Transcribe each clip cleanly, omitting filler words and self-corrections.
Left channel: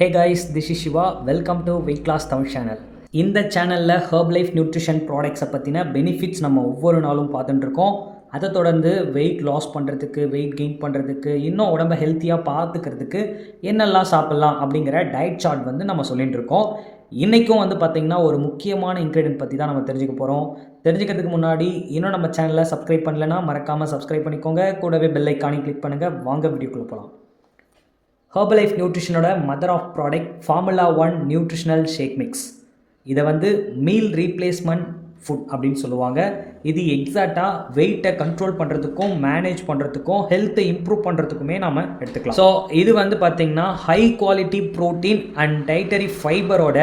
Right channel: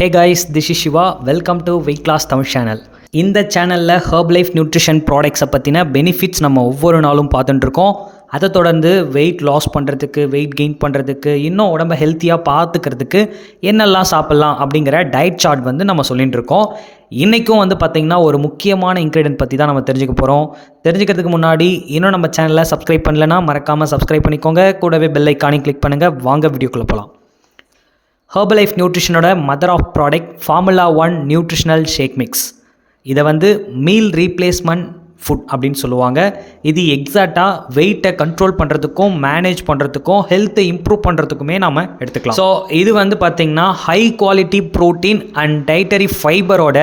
Hey guys, this is Siva. Welcome to weight loss Tamil channel. இந்த சேனலில் Harb life nutrition ப்ராடக்ட்ஸை பற்றின பெனிஃபிட்ஸ் நம்ம ஒவ்வொரு நாளும் பார்த்துட்டுருக்கோம். அதை தொடர்ந்து வெயிட் லாஸ் பண்ணுறதுக்கு, வெயிட் கெயின் பண்ணுறதுக்கு, இன்னும் உடம்பை ஹெல்த்தியாக பார்த்துக்கிறதுக்கு என்னெல்லாம் சாப்பிட்லாம் அப்படிங்கிற டயட் சார்ட் நம்ம சொல்லிகிட்டு இருக்கோம். இன்றைக்கும் பார்த்திங்கன்னா ஒரு முக்கியமான இன்க்ரீடியன்ட் பற்றி தான் நம்ம தெரிஞ்சுக்க போகிறோம். தெரிஞ்சுக்கிறதுக்கு முன்னாடி இன்னும் நம்ம சேனலை சப்ஸ்கிரைப் பண்ணலைன்னா மறக்காமல் சப்ஸ்கிரைப் பண்ணிக்கோங்க. கூடவே பெல் ஐக்கானையும் கிளிக் பண்ணுங்கள். வாங்க வீடியோக்குள்ளே போகலாம். ஹர்பலைஃப் நியூட்ரிஷனோட mother of product formula 1 nutritional shake mix. இதை மீல் ரீப்ளேஸ்மெண்ட் ஃபுட் அப்படின்னு சொல்லுவாங்க. இது எக்ஸாக்டாக வெயிட்டை கண்ட்ரோல் பண்ணுறதுக்கும், மேனேஜ் பண்ணுறதுக்கும், ஹெல்த்தை இம்ப்ரூவ் பண்ணுறதுக்குமே நம்ம எடுத்துக்கலாம். ஸோ இது பார்த்திங்கன்னா high quality protein and dietary ஃபைபரோட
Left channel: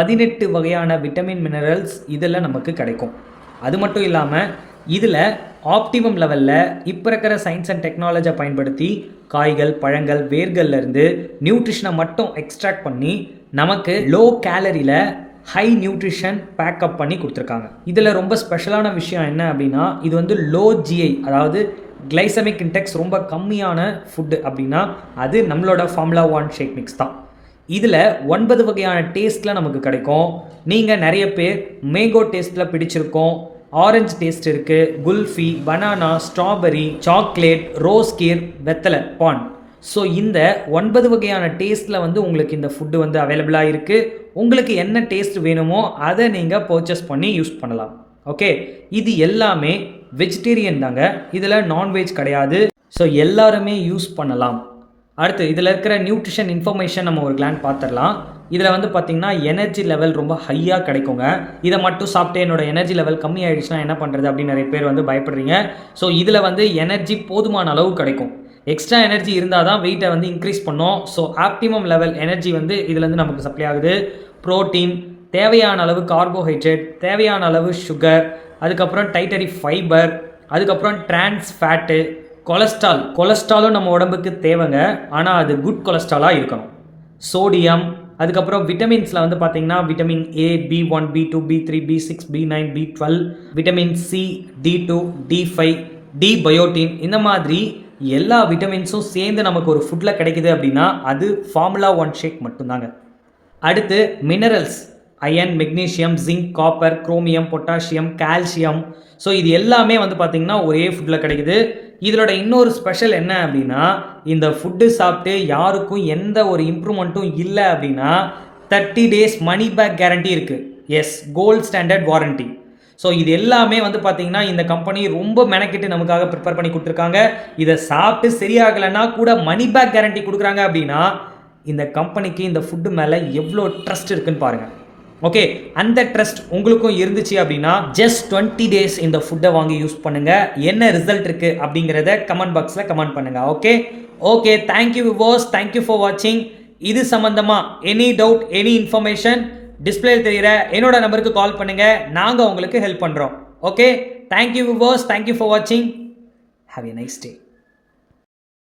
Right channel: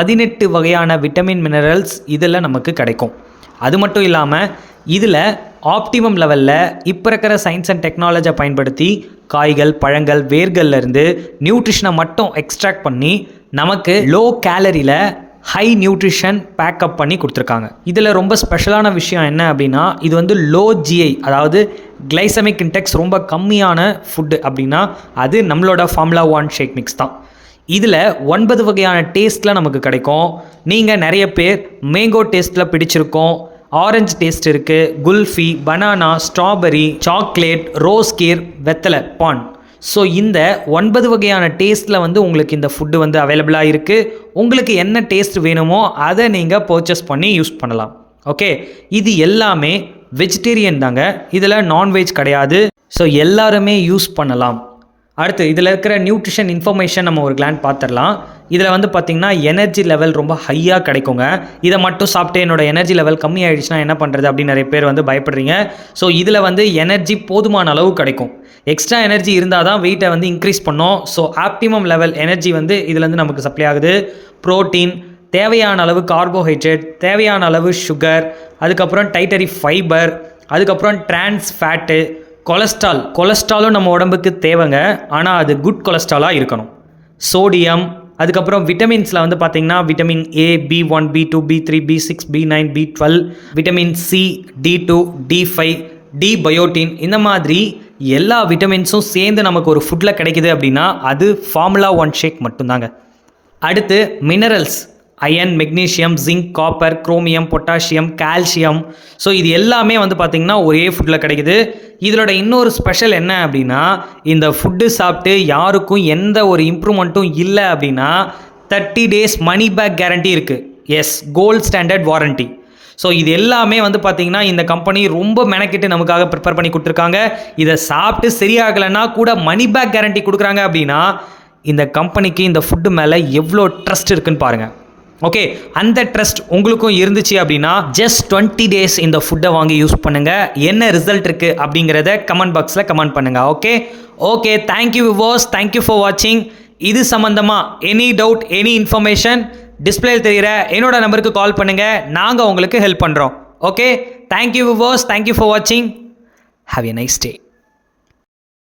18 வகையான விட்டமின் மினரல்ஸ் இதில் நமக்கு கிடைக்கும். அது மட்டும் இல்லாமல் இதில் ஆப்டிமம் லெவலில் இப்போ இருக்கிற சயின்ஸ் அண்ட் டெக்னாலஜியை பயன்படுத்தி காய்கள், பழங்கள், வேர்கள்லேருந்து நியூட்ரிஷனை மட்டும் எக்ஸ்ட்ராக்ட் பண்ணி நமக்கு லோ கேலரியில் ஹை நியூட்ரிஷன் பேக்கப் பண்ணி கொடுத்துருக்காங்க. இதில் ரொம்ப ஸ்பெஷலான விஷயம் என்ன அப்படின்னா, இது லோ ஜிஐ, அதாவது கிளைசமிக் இன்டெக்ஸ் ரொம்ப கம்மியான ஃபுட்டு அப்படின்னா அது நம்மளோட ஃபார்முலா 1 ஷேக் மிக்ஸ் தான். இதில் 9 வகையான டேஸ்ட்டில் நமக்கு கிடைக்கும். நீங்கள் நிறைய பேர் மேங்கோ டேஸ்ட்டில் பிடிச்சிருக்கோம், ஆரஞ்சு டேஸ்ட் இருக்குது, kulfi, banana, strawberry, chocolate, rose kheer, வெத்தலை, பான். ஸோ இந்த 9 வகையான டேஸ்ட்டில் உங்களுக்கு இந்த ஃபுட்டு அவைலபிளாக இருக்குது. உங்களுக்கு என்ன டேஸ்ட் வேணுமோ அதை நீங்கள் பர்ச்சேஸ் பண்ணி யூஸ் பண்ணலாம். ஓகே, இது எல்லாமே வெஜிடேரியன் தாங்க, இதில் நான்வெஜ் கிடையாது. ஸோ எல்லாருமே யூஸ் பண்ணலாம். அடுத்து இதில் இருக்கிற நியூட்ரிஷன் இன்ஃபர்மேஷன் நம்ம ஒரு கிளான் பார்த்துடலாம். இதில் பார்த்திங்கன்னா எனர்ஜி லெவல் ரொம்ப ஹையாக கிடைக்குங்க. இதை மட்டும் சாப்பிட்டு என்னோடய எனர்ஜி லெவல் கம்மி ஆகிடுச்சுன்னா என்ன பண்ணுறது அப்படின்னு நிறைய பேர் பயப்படுறீங்க. ஸோ இதில் எனர்ஜி போதுமான அளவு கிடைக்கும். எக்ஸ்ட்ரா எனர்ஜி இருந்தால் தான் வெயிட்டை இன்க்ரீஸ் பண்ணோம். ஸோ ஆப்டிமம் லெவல் எனர்ஜி இதுலேருந்து நமக்கு சப்ளை ஆகுது. ப்ரோட்டீன், தேவையான அளவு கார்போஹைட்ரேட், தேவையான அளவு சுகர், அதுக்கப்புறம் டைட்டரி ஃபைபர், அதுக்கப்புறம் டிரான்ஸ் ஃபேட்டு, கொலஸ்ட்ராலும் நம்ம உடம்புக்கு தேவைங்க, ஆனால் அது குட் கொலஸ்ட்ராலாக இருக்கணும். சோடியம், அதுக்கப்புறம் விட்டமின்ஸில் பார்த்திங்கன்னா vitamin A, B1, B2, B3, B6, B9, B12, vitamin C, D2, D5, D biotin, இந்த மாதிரி எல்லா விட்டமின்ஸும் சேர்ந்து நமக்கு ஒரு ஃபுட்டில் கிடைக்குது அப்படின்னா அது ஃபார்முலா 1 ஷேக் மட்டும்தாங்க. அடுத்து minerals, iron, magnesium, zinc, copper, chromium, potassium, calcium. So இது எல்லாமே பார்த்திங்கன்னா ஒரே ஃபுட்டில் கிடைக்குது. இதோட இன்னொரு ஸ்பெஷல் என்ன அப்படின்னா, இந்த ஃபுட்டு சாப்பிட்டு யாருக்கும் எந்த ஒரு இம்ப்ரூவ்மெண்ட்டும் இல்லை அப்படின்னா 30 days மணி பேக் கேரண்டி இருக்குது. Yes, gold standard warranty. So இது எல்லாமே பார்த்திங்கன்னா இந்த கம்பெனி ரொம்ப மெனக்கிட்டு நமக்காக ப்ரிப்பேர் பண்ணி கொடுத்துருக்காங்க. இதை சாப்பிட்டு சரியாகலைன்னா கூட மணி பேக் கேரண்டி கொடுக்குறாங்க அப்படின்னா இந்த கம்பெனிக்கு இந்த ஃபுட்டு மேலே எவ்வளோ ட்ரஸ்ட் இருக்குன்னு பாருங்கள். ஓகே, அந்த ட்ரஸ்ட் உங்களுக்கும் இருந்துச்சு அப்படின்னா ஜஸ்ட் 20 days இந்த ஃபுட்டை வாங்கி யூஸ் பண்ணுங்கள். என்ன ரிசல்ட் இருக்குது அப்படிங்கிறத கமெண்ட் பாக்ஸில் கமெண்ட் பண்ணுங்கள். Okay, thank you viewers, thank you for வாட்சிங். இது சம்மந்தமாக எனி டவுட், எனி இன்ஃபர்மேஷன் டிஸ்பிளேயில் தெரிகிற என்னோட நம்பருக்கு கால் பண்ணுங்கள். நாங்கள் உங்களுக்கு ஹெல்ப் பண்ணுறோம். Okay, thank you viewers, thank you for வாட்சிங். Have a nice day.